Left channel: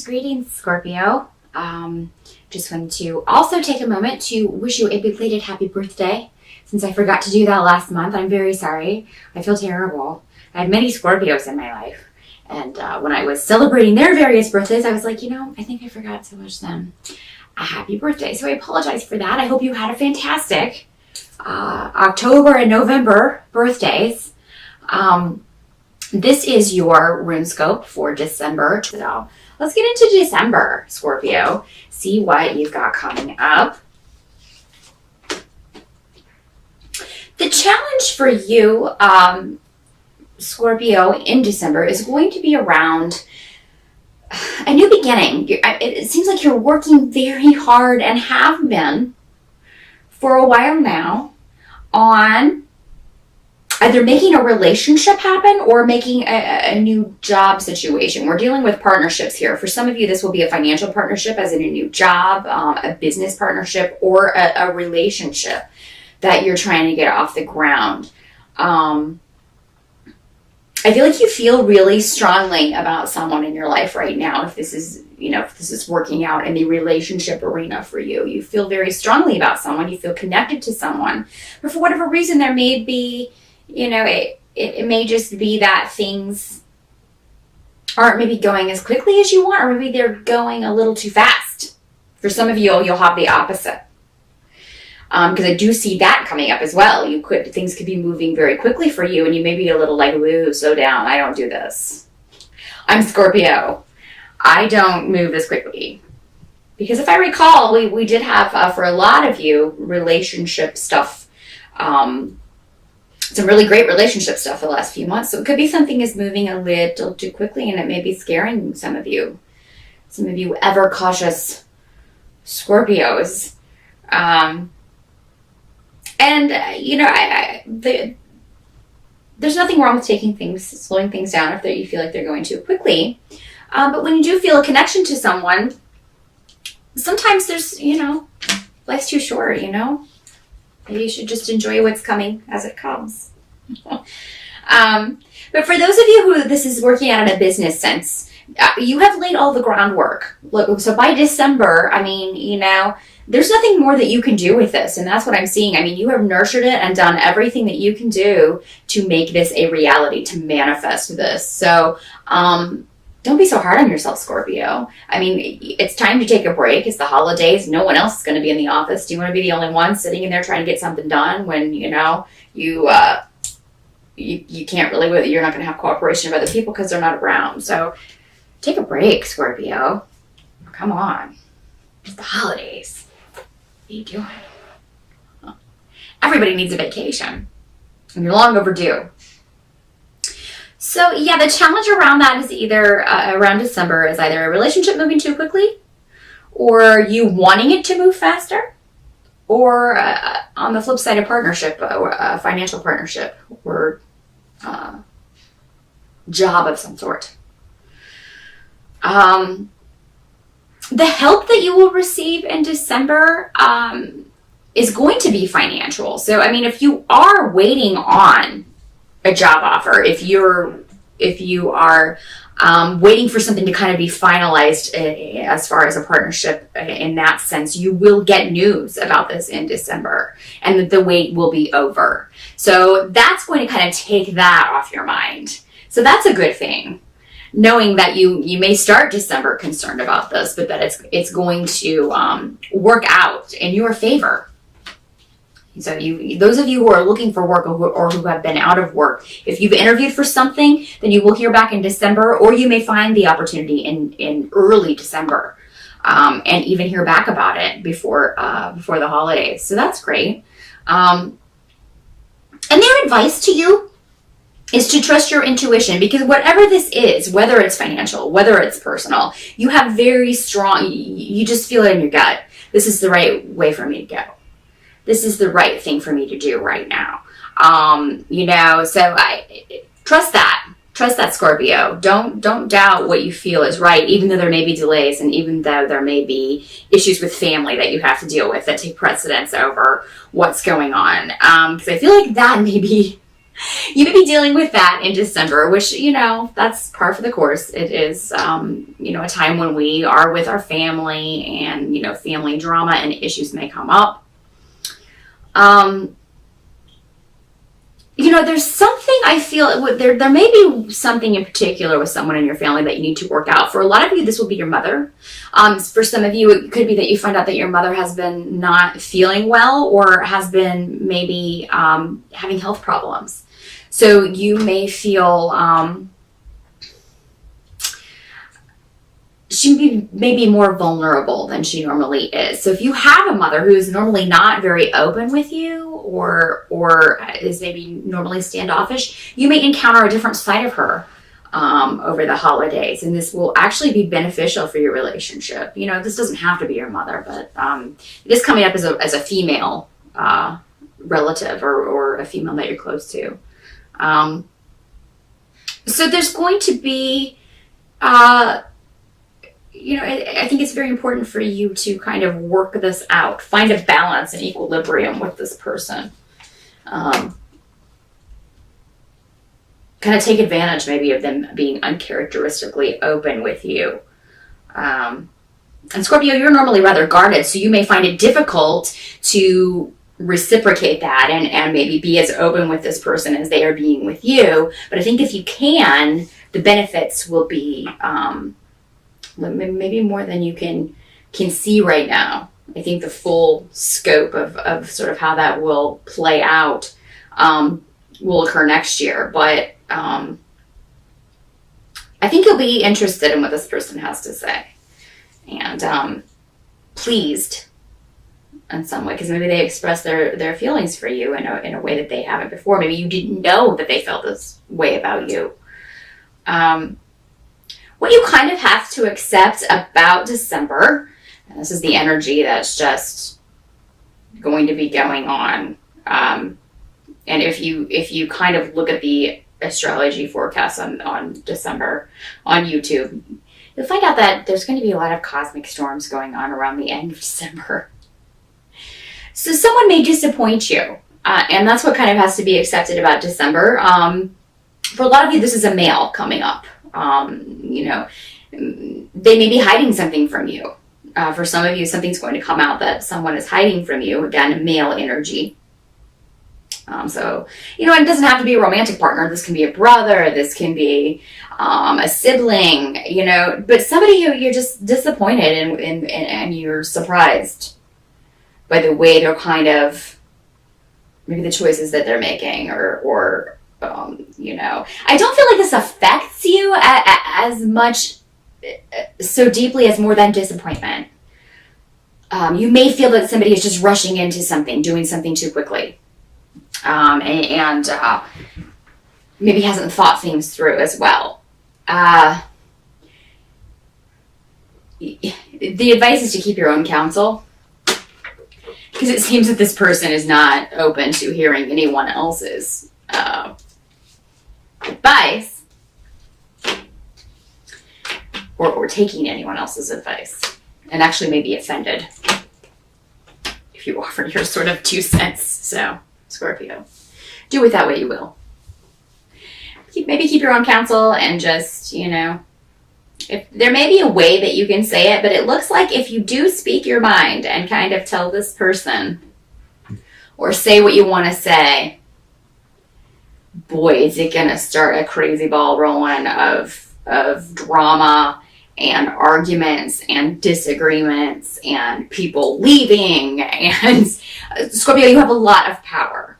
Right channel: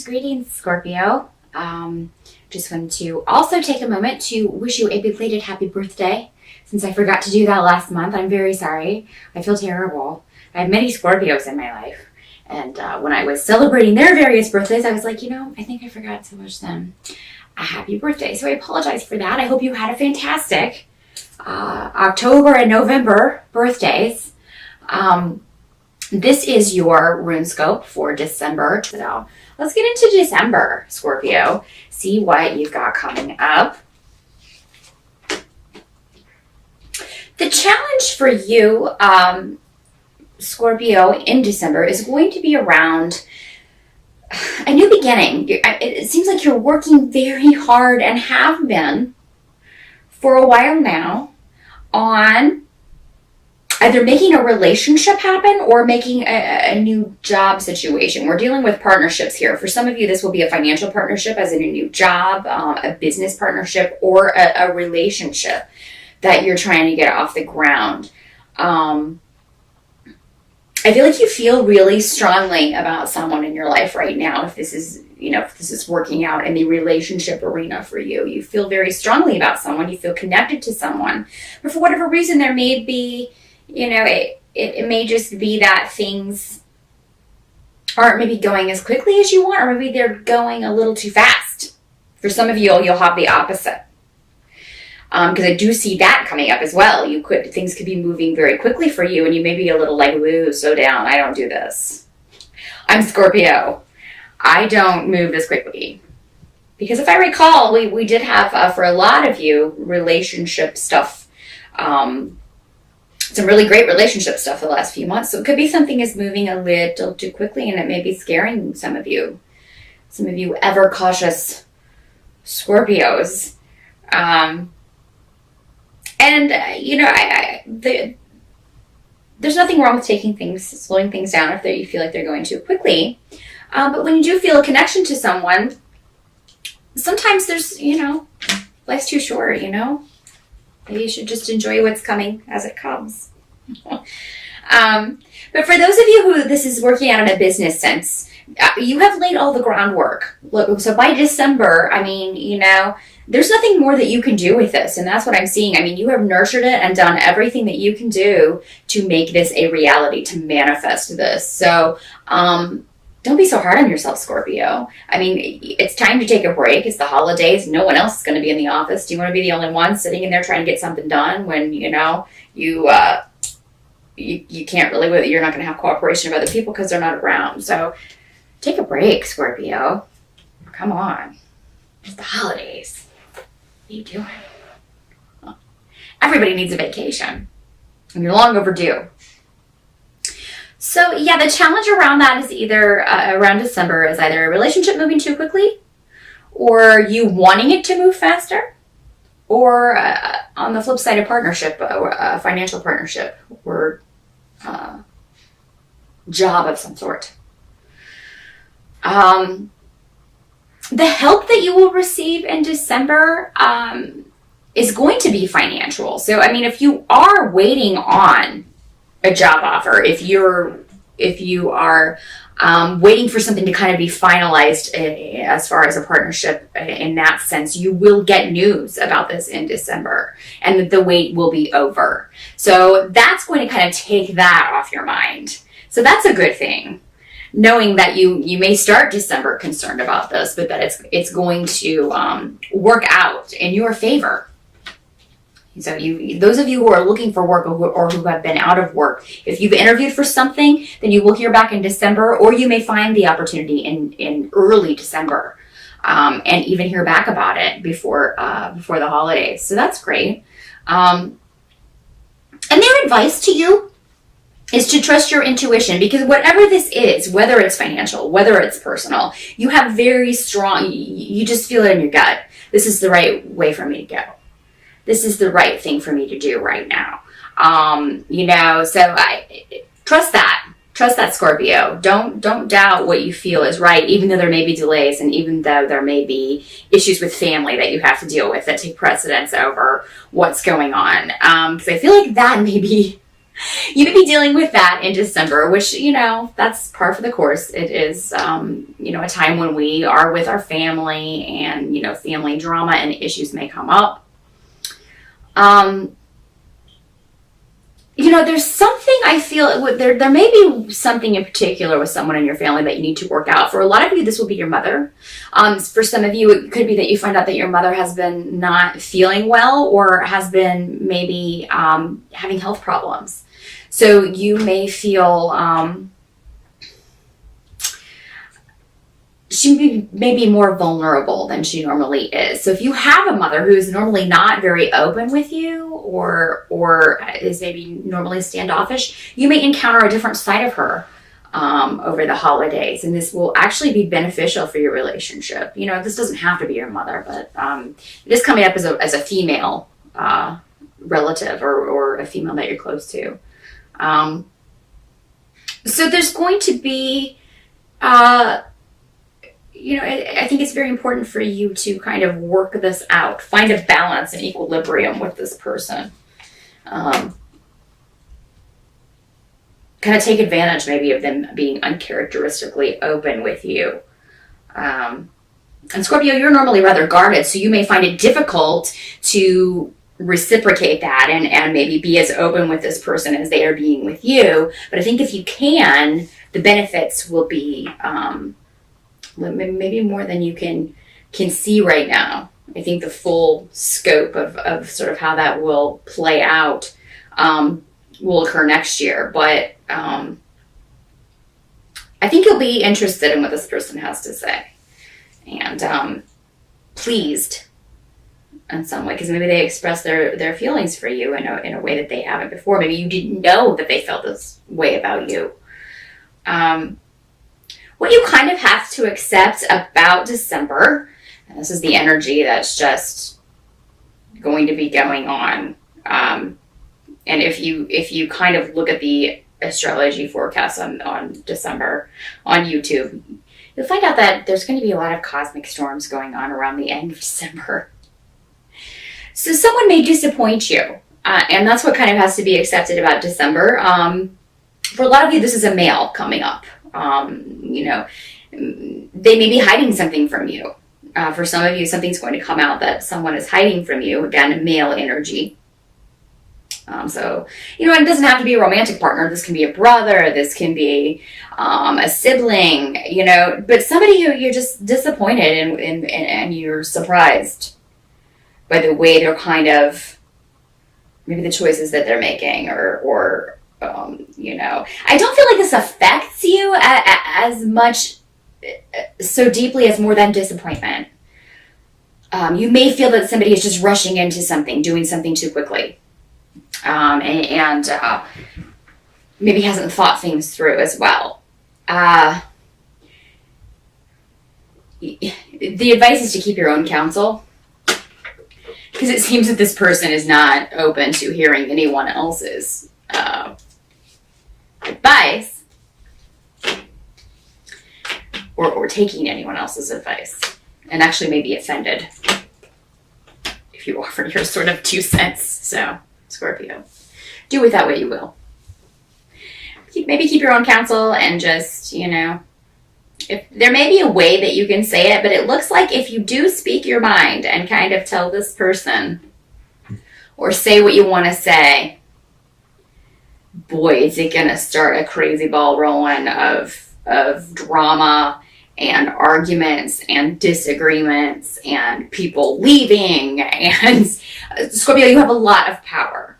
Greetings, Scorpio. Just wanted to also take a moment to wish you a belated happy birthday. Since I forgot to do that last month, I'm very sorry. I feel terrible. I have many Scorpios in my life. And when I was celebrating their various birthdays, I was like, I think I forgot to wish them a happy birthday. So I apologize for that. I hope you had a fantastic October and November birthdays. This is your RuneScope for December. So let's get into December, Scorpio. See what you've got coming up. The challenge for you, Scorpio, in December is going to be around a new beginning. It seems like you're working very hard and have been for a while now on either making a relationship happen or making a new job situation. We're dealing with partnerships here. For some of you, this will be a financial partnership, as in a new job, a business partnership, or a relationship that you're trying to get off the ground. I feel like you feel really strongly about someone in your life right now. If this is, if this is working out in the relationship arena for you, you feel very strongly about someone. You feel connected to someone. But for whatever reason, there may be, it may just be that things aren't maybe going as quickly as you want, or maybe they're going a little too fast. For some of you, you'll have the opposite. Because I do see that coming up as well. Things could be moving very quickly for you, and you may be a little like, woo, slow down. I don't do this. I'm Scorpio. I don't move as quickly. Because if I recall, we did have, for a lot of you, relationship stuff. Some really great relationship stuff the last few months. So it could be something is moving a little too quickly, and it may be scaring some of you. Some of you ever cautious Scorpios. There's nothing wrong with slowing things down if you feel like they're going too quickly. But when you do feel a connection to someone, sometimes there's, life's too short, Maybe you should just enjoy what's coming as it comes. But for those of you who this is working out in a business sense, you have laid all the groundwork. So by December, there's nothing more that you can do with this. And that's what I'm seeing. You have nurtured it and done everything that you can do to make this a reality, to manifest this. So don't be so hard on yourself, Scorpio. It's time to take a break. It's the holidays. No one else is going to be in the office. Do you want to be the only one sitting in there trying to get something done when, you can't really, you're not going to have cooperation of other people because they're not around. So take a break, Scorpio. Come on. It's the holidays. What are you doing? Everybody needs a vacation. And you're long overdue. So, the challenge around that is either, around December, is either a relationship moving too quickly, or you wanting it to move faster, or on the flip side, a partnership, a financial partnership, or job of some sort. The help that you will receive in December is going to be financial. So, if you are waiting on a job offer, if you are waiting for something to kind of be finalized as far as a partnership in that sense, you will get news about this in December, and that the wait will be over. So that's going to kind of take that off your mind. So that's a good thing, knowing that you may start December concerned about this, but that it's going to work out in your favor. So those of you who are looking for work or who have been out of work, if you've interviewed for something, then you will hear back in December, or you may find the opportunity in early December, and even hear back about it before the holidays. So that's great. And their advice to you is to trust your intuition, because whatever this is, whether it's financial, whether it's personal, you have very strong, you just feel it in your gut. This is the right way for me to go. This is the right thing for me to do right now. So I trust that, Scorpio. Don't doubt what you feel is right, even though there may be delays, and even though there may be issues with family that you have to deal with that take precedence over what's going on. Because I feel like that may be You may be dealing with that in December, which, that's par for the course. It is, a time when we are with our family and, family drama and issues may come up. There's something I feel there may be something in particular with someone in your family that you need to work out. For a lot of you, this will be your mother. For some of you, it could be that you find out that your mother has been not feeling well or has been maybe having health problems. So you may feel she may be more vulnerable than she normally is. So if you have a mother who's normally not very open with you or is maybe normally standoffish, you may encounter a different side of her over the holidays. And this will actually be beneficial for your relationship. This doesn't have to be your mother, but it is coming up as a female relative or a female that you're close to. So there's going to be... I think it's very important for you to kind of work this out, find a balance and equilibrium with this person. Kind of take advantage maybe of them being uncharacteristically open with you. And Scorpio, you're normally rather guarded, so you may find it difficult to reciprocate that and maybe be as open with this person as they are being with you. But I think if you can, the benefits will be... maybe more than you can see right now. I think the full scope of sort of how that will play out will occur next year. But I think you'll be interested in what this person has to say and pleased in some way, because maybe they express their feelings for you in a way that they haven't before. Maybe you didn't know that they felt this way about you. What you kind of have to accept about December, and this is the energy that's just going to be going on. And if you kind of look at the astrology forecast on December on YouTube, you'll find out that there's going to be a lot of cosmic storms going on around the end of December. So someone may disappoint you, and that's what kind of has to be accepted about December. For a lot of you, this is a male coming up. They may be hiding something from you. For some of you, something's going to come out that someone is hiding from you. Again, male energy. So, it doesn't have to be a romantic partner. This can be a brother. This can be a sibling, but somebody who you're just disappointed and you're surprised by the way they're kind of, maybe the choices that they're making or I don't feel like this affects you as much, so deeply as more than disappointment. You may feel that somebody is just rushing into something, doing something too quickly, and maybe hasn't thought things through as well. The advice is to keep your own counsel, because it seems that this person is not open to hearing anyone else's advice or taking anyone else's advice, and actually may be offended if you offer your sort of 2 cents. So, Scorpio, do with that what you will. Maybe keep your own counsel and just, if there may be a way that you can say it, but it looks like if you do speak your mind and kind of tell this person or say what you want to say, boy, is it going to start a crazy ball rolling of drama and arguments and disagreements and people leaving. And Scorpio, you have a lot of power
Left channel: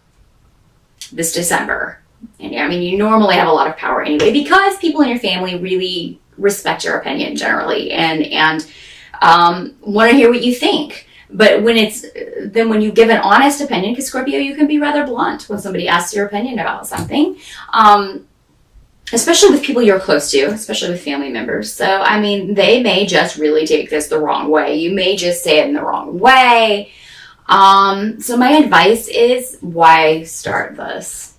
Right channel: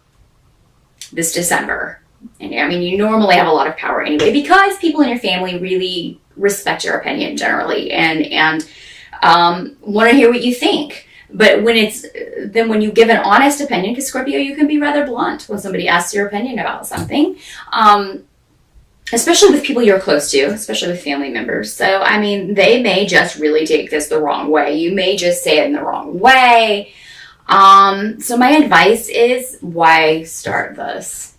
this December. And you normally have a lot of power anyway, because people in your family really respect your opinion generally and want to hear what you think. But when you give an honest opinion, because Scorpio, you can be rather blunt when somebody asks your opinion about something, especially with people you're close to, especially with family members. So, they may just really take this the wrong way. You may just say it in the wrong way. So my advice is, why start this?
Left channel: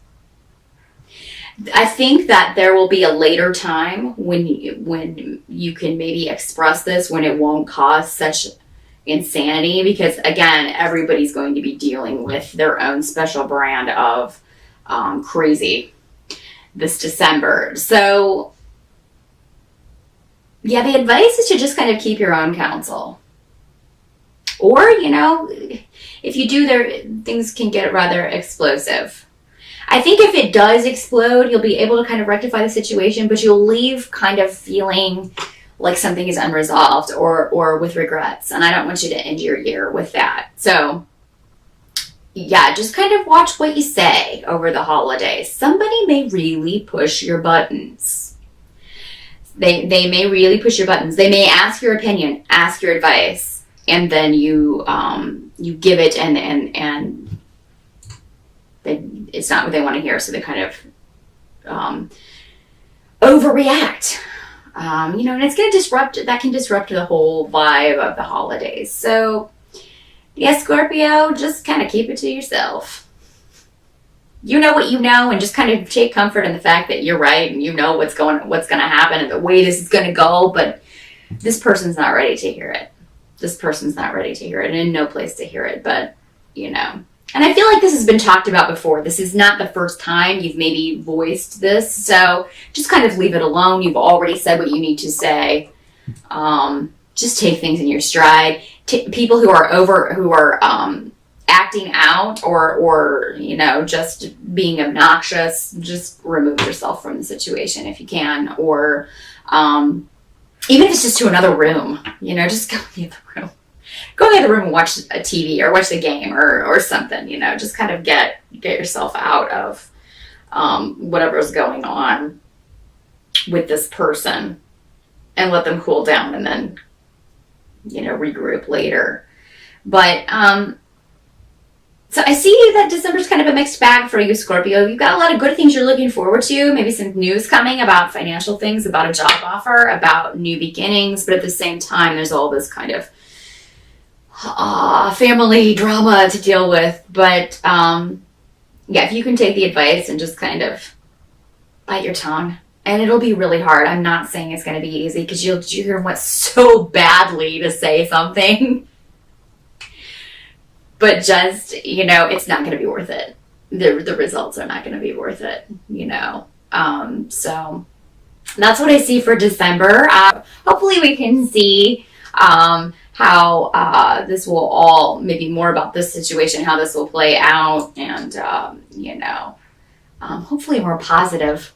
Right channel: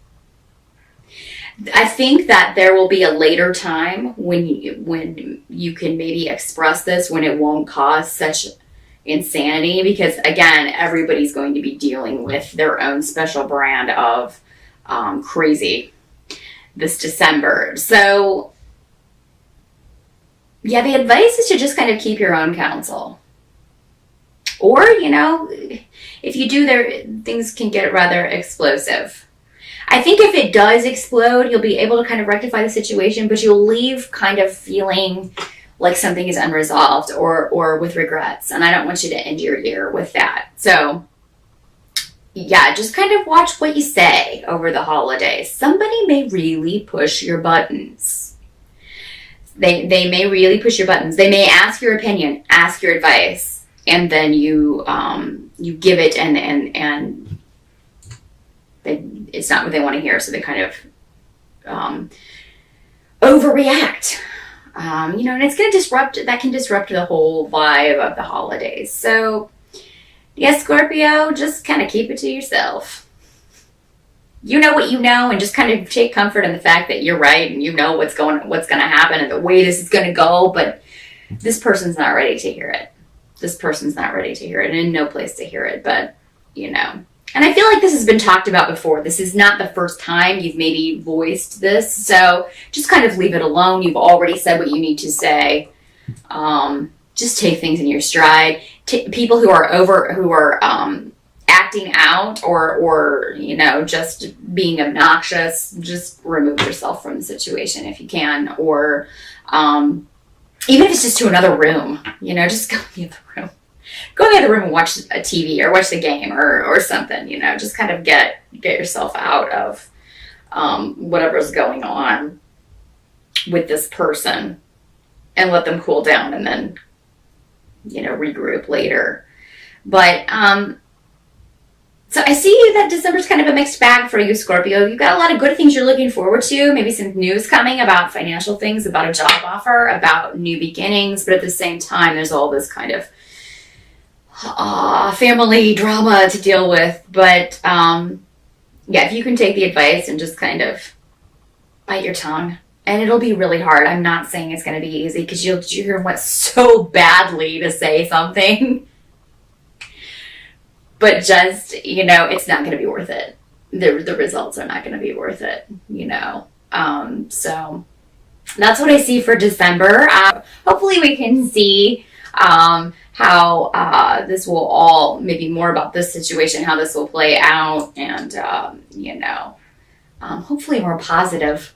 I think that there will be a later time when you can maybe express this, when it won't cause such insanity, because again, everybody's going to be dealing with their own special brand of crazy this December. So yeah, the advice is to just kind of keep your own counsel. Or, if you do, things can get rather explosive. I think if it does explode, you'll be able to kind of rectify the situation, but you'll leave kind of feeling like something is unresolved or with regrets. And I don't want you to end your year with that. So yeah, just kind of watch what you say over the holidays. Somebody may really push your buttons. They may really push your buttons. They may ask your opinion, ask your advice, and then you give it, and it's not what they want to hear, so they kind of overreact. And it's going to that can disrupt the whole vibe of the holidays. So, yeah, Scorpio, just kind of keep it to yourself. You know what you know, and just kind of take comfort in the fact that you're right, and you know what's going to happen and the way this is going to go, but this person's not ready to hear it. This person's not ready to hear it, and no place to hear it, but, And I feel like this has been talked about before. This is not the first time you've maybe voiced this, so just kind of leave it alone. You've already said what you need to say. Just take things in your stride. People who are acting out or just being obnoxious, just remove yourself from the situation if you can, or even if it's just to another room, just go leave the room. Go in the other room and watch a TV or watch the game or something, just kind of get yourself out of whatever's going on with this person and let them cool down and then, regroup later. But, so I see that December's kind of a mixed bag for you, Scorpio. You've got a lot of good things you're looking forward to, maybe some news coming about financial things, about a job offer, about new beginnings, but at the same time, there's all this kind of family drama to deal with. But if you can take the advice and just kind of bite your tongue, and it'll be really hard. I'm not saying it's going to be easy because you're want so badly to say something, but just it's not going to be worth it. The results are not going to be worth it. So that's what I see for December. Hopefully we can see how this will all, maybe more about this situation, how this will play out, and hopefully a more positive